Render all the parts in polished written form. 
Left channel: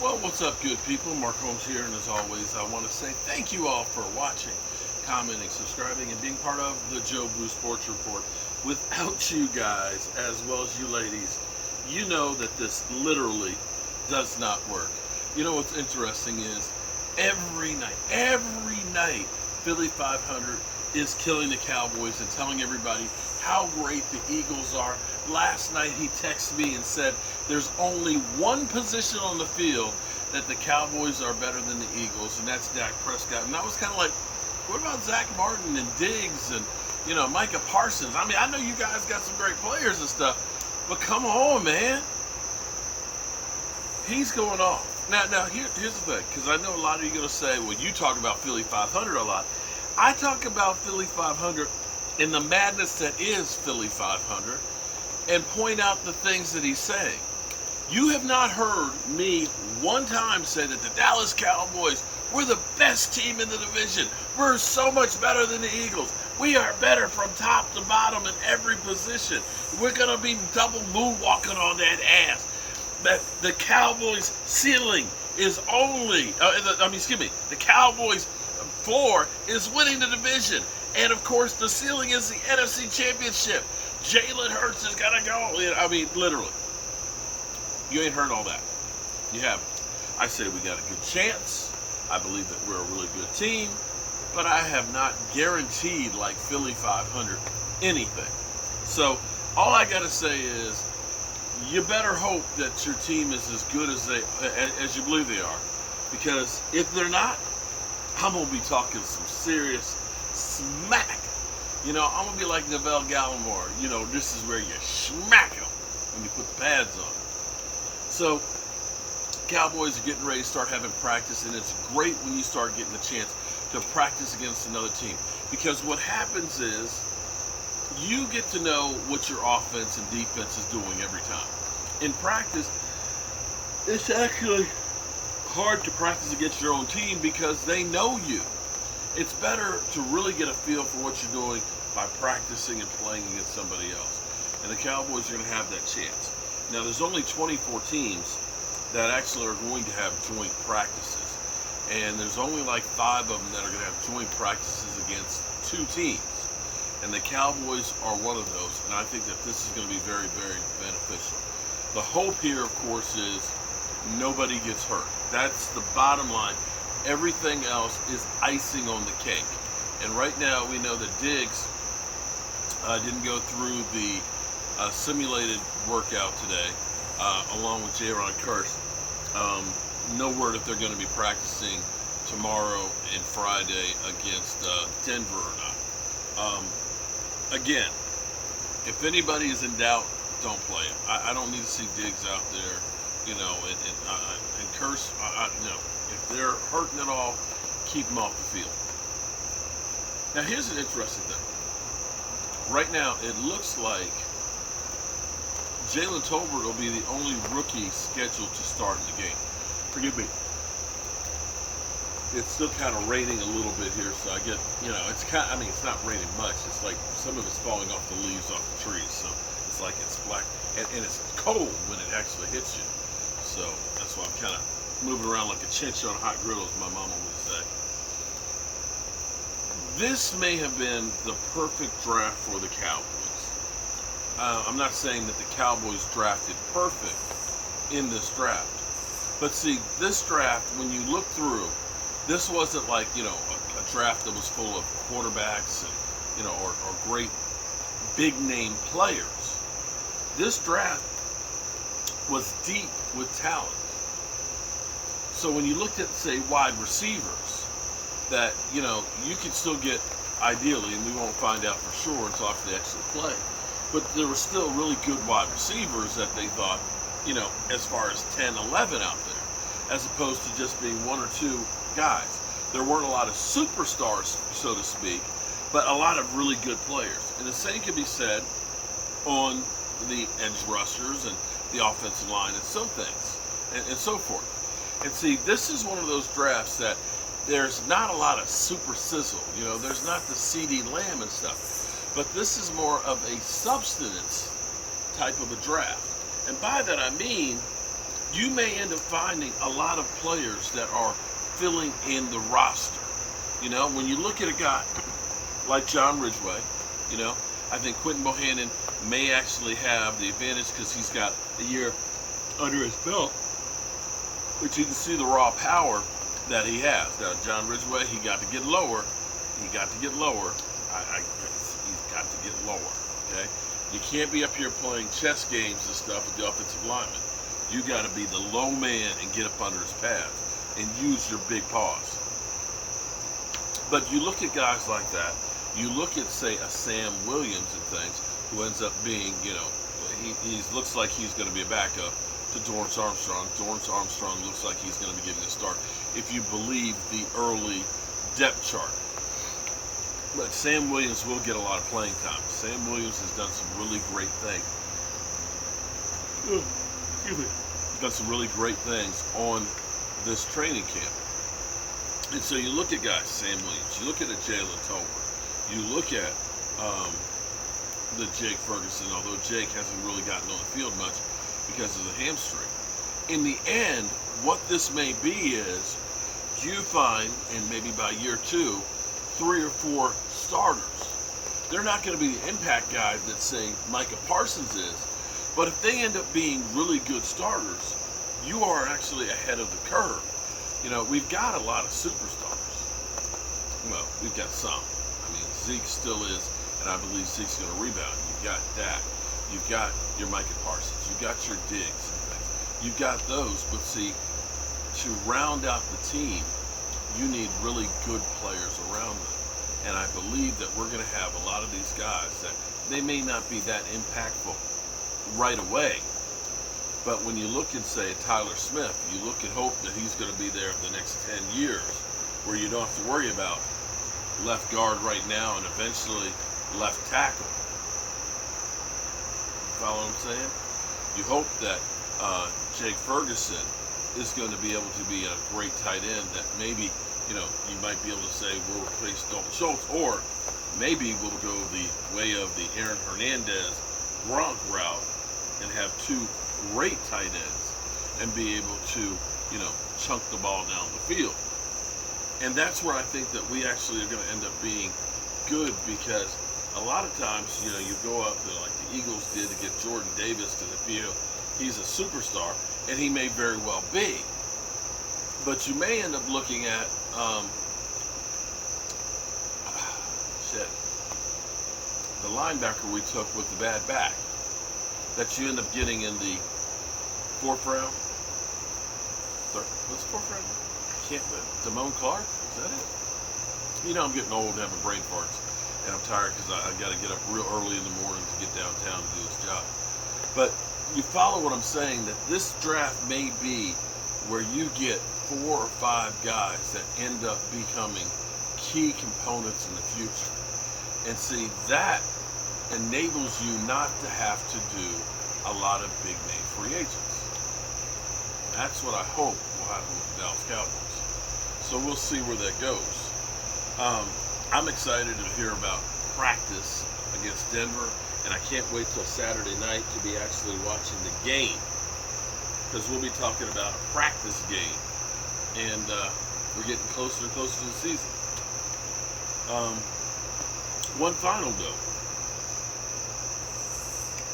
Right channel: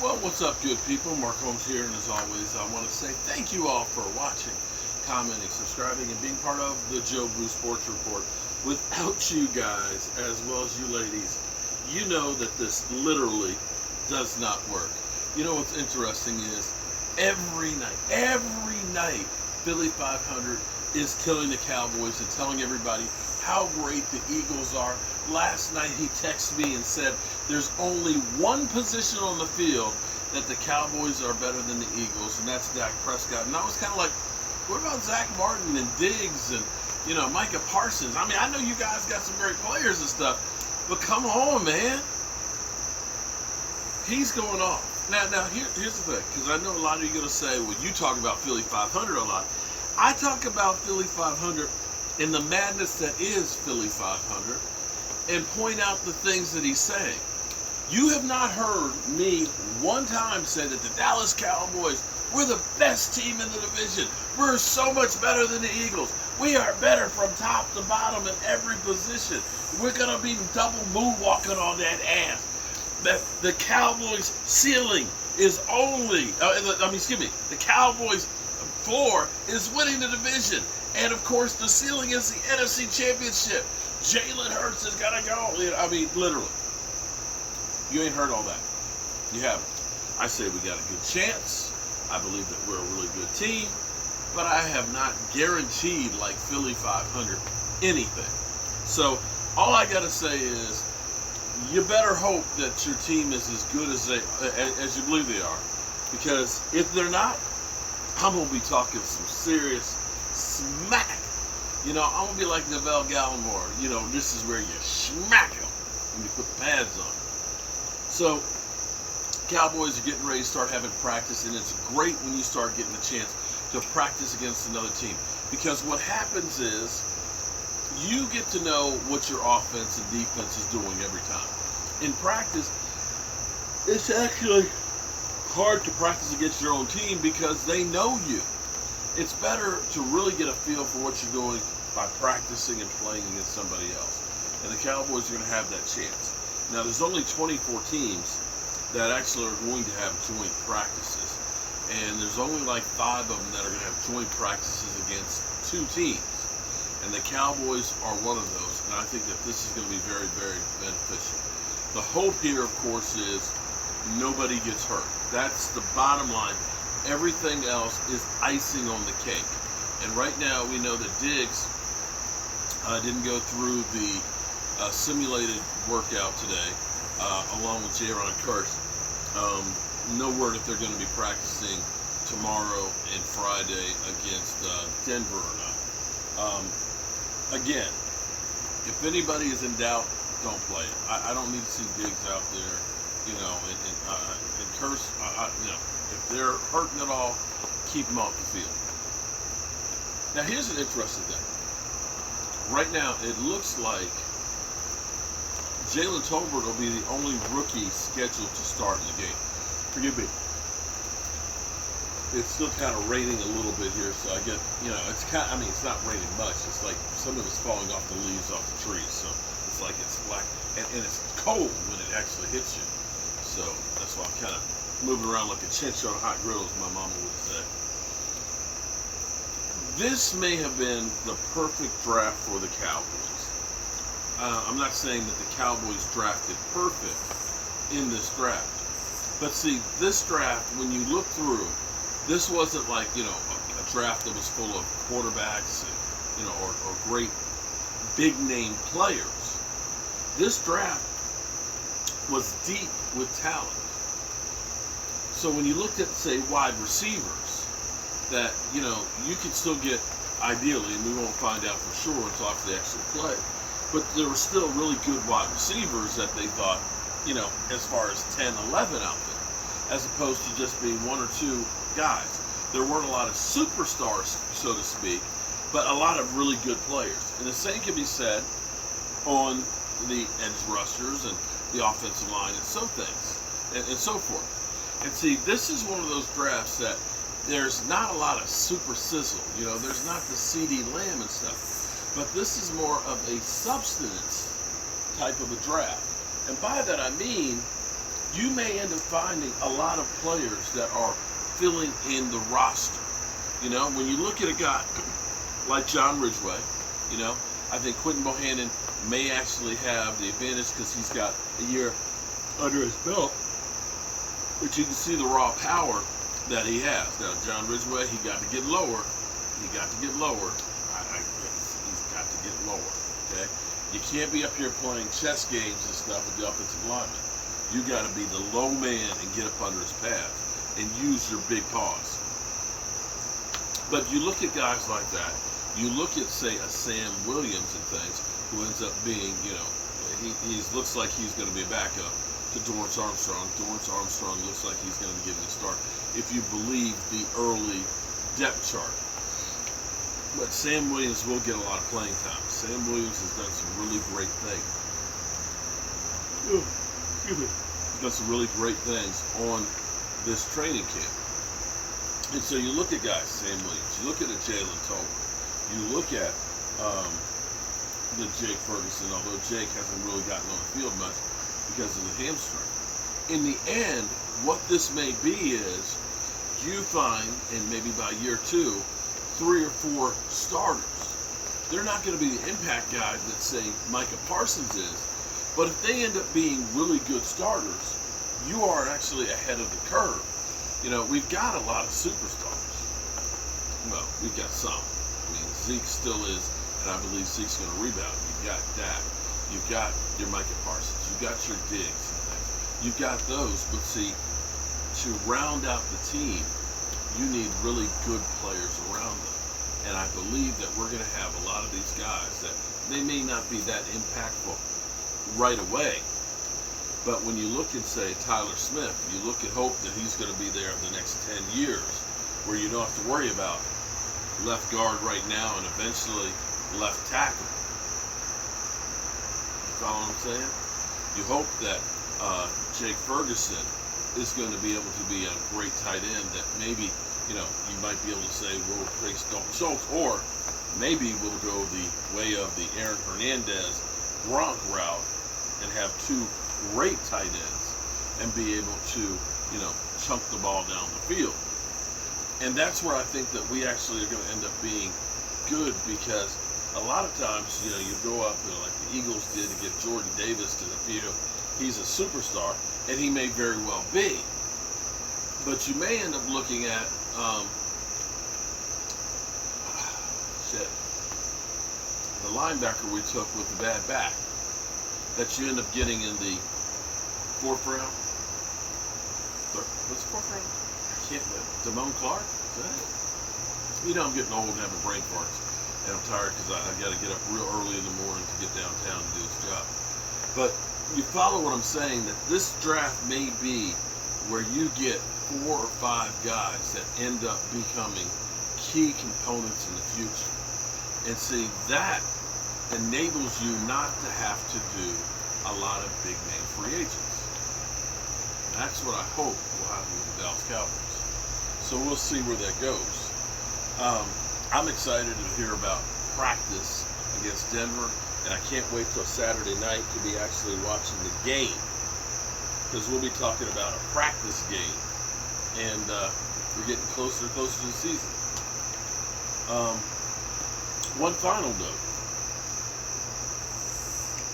Well, what's up, good people? Mark Holmes here, and as always, I want to say thank you all for watching, commenting, subscribing, and being part of the Joe Blue Sports Report. Without you guys, as well as you ladies, you know that this literally does not work. You know what's interesting is every night, Philly 500 is killing the Cowboys and telling everybody how great the Eagles are. Last night he texted me and said there's only one position on the field that the Cowboys are better than the Eagles, and that's Dak Prescott. And I was kind of like, what about Zach Martin and Diggs and, Micah Parsons? I mean, I know you guys got some great players and stuff, but come on, man. He's going off. Now here's the thing, because I know a lot of you are going to say, well, you talk about Philly 500 a lot. I talk about Philly 500 in the madness that is Philly 500 and point out the things that he's saying. You have not heard me one time say that the Dallas Cowboys, we're the best team in the division. We're so much better than the Eagles. We are better from top to bottom in every position. We're going to be double moonwalking on that ass. That the Cowboys' ceiling is only, the Cowboys' floor is winning the division. And of course, the ceiling is the NFC Championship. Jalen Hurts has got to go. I mean, literally. You ain't heard all that. You haven't. I say we got a good chance. I believe that we're a really good team. But I have not guaranteed, like Philly 500, anything. So all I got to say is, you better hope that your team is as good as you believe they are. Because if they're not, I'm going to be talking some serious smack. I'm going to be like Neville Gallimore. This is where you smack them when you put the pads on. So, Cowboys are getting ready to start having practice, and it's great when you start getting a chance to practice against another team. Because what happens is, you get to know what your offense and defense is doing every time. In practice, it's actually hard to practice against your own team because they know you. It's better to really get a feel for what you're doing by practicing and playing against somebody else. And the Cowboys are going to have that chance. Now, there's only 24 teams that actually are going to have joint practices. And there's only like 5 of them that are going to have joint practices against 2 teams. And the Cowboys are one of those. And I think that this is going to be very, very beneficial. The hope here, of course, is nobody gets hurt. That's the bottom line. Everything else is icing on the cake. And right now, we know that Diggs didn't go through the simulated workout today, along with Jaron Kearse. No word if they're going to be practicing tomorrow and Friday against Denver or not. Again, if anybody is in doubt, don't play him. I don't need to see Diggs out there, and Kearse. No. If they're hurting at all, keep them off the field. Now, here's an interesting thing. Right now, it looks like Jalen Tolbert will be the only rookie scheduled to start in the game. Forgive me. It's still kind of raining a little bit here, so I get, it's not raining much. It's like some of it's falling off the leaves off the trees, so it's like it's black. And it's cold when it actually hits you. So that's why I'm kind of moving around like a chinch on a hot griddle, as my mama would say. This may have been the perfect draft for the Cowboys. I'm not saying that the Cowboys drafted perfect in this draft. But see, this draft, when you look through, this wasn't like, a draft that was full of quarterbacks and, or great big name players. This draft was deep with talent. So when you looked at, say, wide receivers, that, you could still get, ideally, and we won't find out for sure until after they actually play, but there were still really good wide receivers that they thought, as far as 10, 11 out there, as opposed to just being 1 or 2 guys. There weren't a lot of superstars, so to speak, but a lot of really good players. And the same can be said on the edge rushers and the offensive line and some things, and so forth. And see, this is one of those drafts that there's not a lot of super sizzle. There's not the CeeDee Lamb and stuff. But this is more of a substance type of a draft. And by that I mean you may end up finding a lot of players that are filling in the roster. You know, when you look at a guy like John Ridgway, you know, I think Quentin Bohannon may actually have the advantage because he's got a year under his belt, but you can see the raw power that he has. Now, John Ridgway, he got to get lower. He got to get lower. He's got to get lower, okay? You can't be up here playing chess games and stuff with the offensive lineman. You got to be the low man and get up under his pads and use your big paws. But you look at guys like that. You look at, say, a Sam Williams and things, who ends up being, you know, he looks like he's going to be a backup to Dorrance Armstrong. Dorrance Armstrong looks like he's going to be getting a start, if you believe the early depth chart. But Sam Williams will get a lot of playing time. Sam Williams has done some really great things. Excuse me. He's done some really great things on this training camp. And so you look at guys, Sam Williams, you look at a Jalen Tolbert, you look at the Jake Ferguson, although Jake hasn't really gotten on the field much because of the hamstring. In the end, what this may be is you find, and maybe by year 2, 3 or 4 starters. They're not going to be the impact guys that, say, Micah Parsons is, but if they end up being really good starters, you are actually ahead of the curve. You know, we've got a lot of superstars. Well, we've got some. I mean, Zeke still is, and I believe Zeke's going to rebound. You've got Dak. You've got your Micah Parsons. You've got your Diggs and things. You've got those, but see, to round out the team, you need really good players around them. And I believe that we're going to have a lot of these guys that they may not be that impactful right away. But when you look and say Tyler Smith, you look and hope that he's going to be there in the next 10 years, where you don't have to worry about left guard right now and eventually left tackle. You follow what I'm saying? You hope that Jake Ferguson is going to be able to be a great tight end that maybe, you know, you might be able to say we'll replace Dalton Schultz, or maybe we'll go the way of the Aaron Hernandez Gronk route and have 2 great tight ends and be able to, you know, chunk the ball down the field. And that's where I think that we actually are going to end up being good, because a lot of times, you know, you go up to, like the Eagles did, to get Jordan Davis because they feel he's a superstar, and he may very well be. But you may end up looking at, the linebacker we took with the bad back, that you end up getting in the 4th round. What's the 4th round? I can't. Damone Clark? Is that it? You know, I'm getting old and having brain farts, and I'm tired because I got to get up real early in the morning to get downtown and do this job. But you follow what I'm saying, that this draft may be where you get 4 or 5 guys that end up becoming key components in the future. And see, that enables you not to have to do a lot of big name free agents. That's what I hope will happen with the Dallas Cowboys. So we'll see where that goes. I'm excited to hear about practice against Denver, and I can't wait till Saturday night to be actually watching the game, because we'll be talking about a practice game, and we're getting closer and closer to the season. One final note.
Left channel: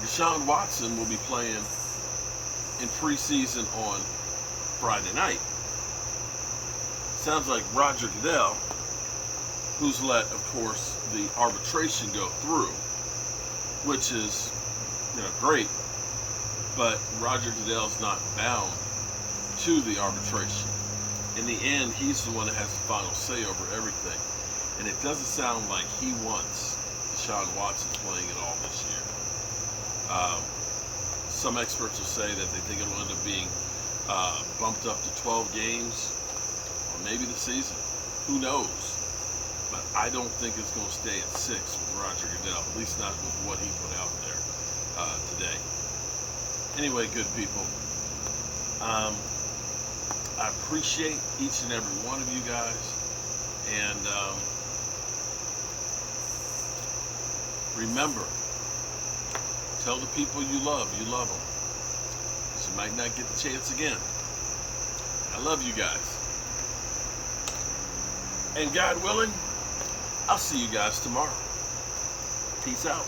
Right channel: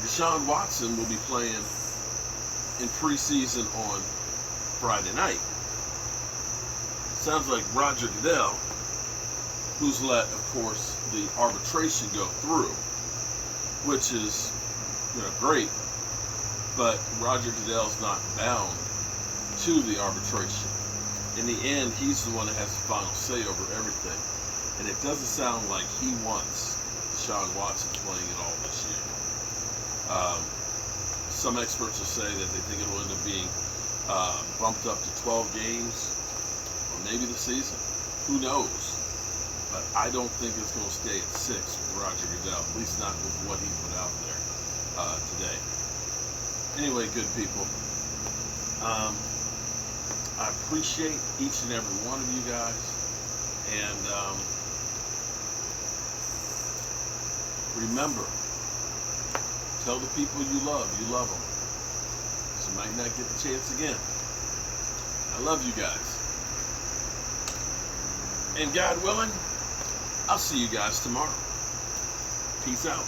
Deshaun Watson will be playing in preseason on Friday night. Sounds like Roger Goodell, who's let, of course, the arbitration go through, which is, you know, great, but Roger Goodell's not bound to the arbitration. In the end, he's the one that has the final say over everything, and it doesn't sound like he wants Deshaun Watson playing at all this year. Some experts will say that they think it will end up being bumped up to 12 games, or maybe the season. Who knows? But I don't think it's going to stay at 6 with Roger Goodell, at least not with what he put out there today. Anyway, good people, I appreciate each and every one of you guys, and remember, tell the people you love them. As a might not get the chance again. I love you guys. And God willing, I'll see you guys tomorrow. Peace out.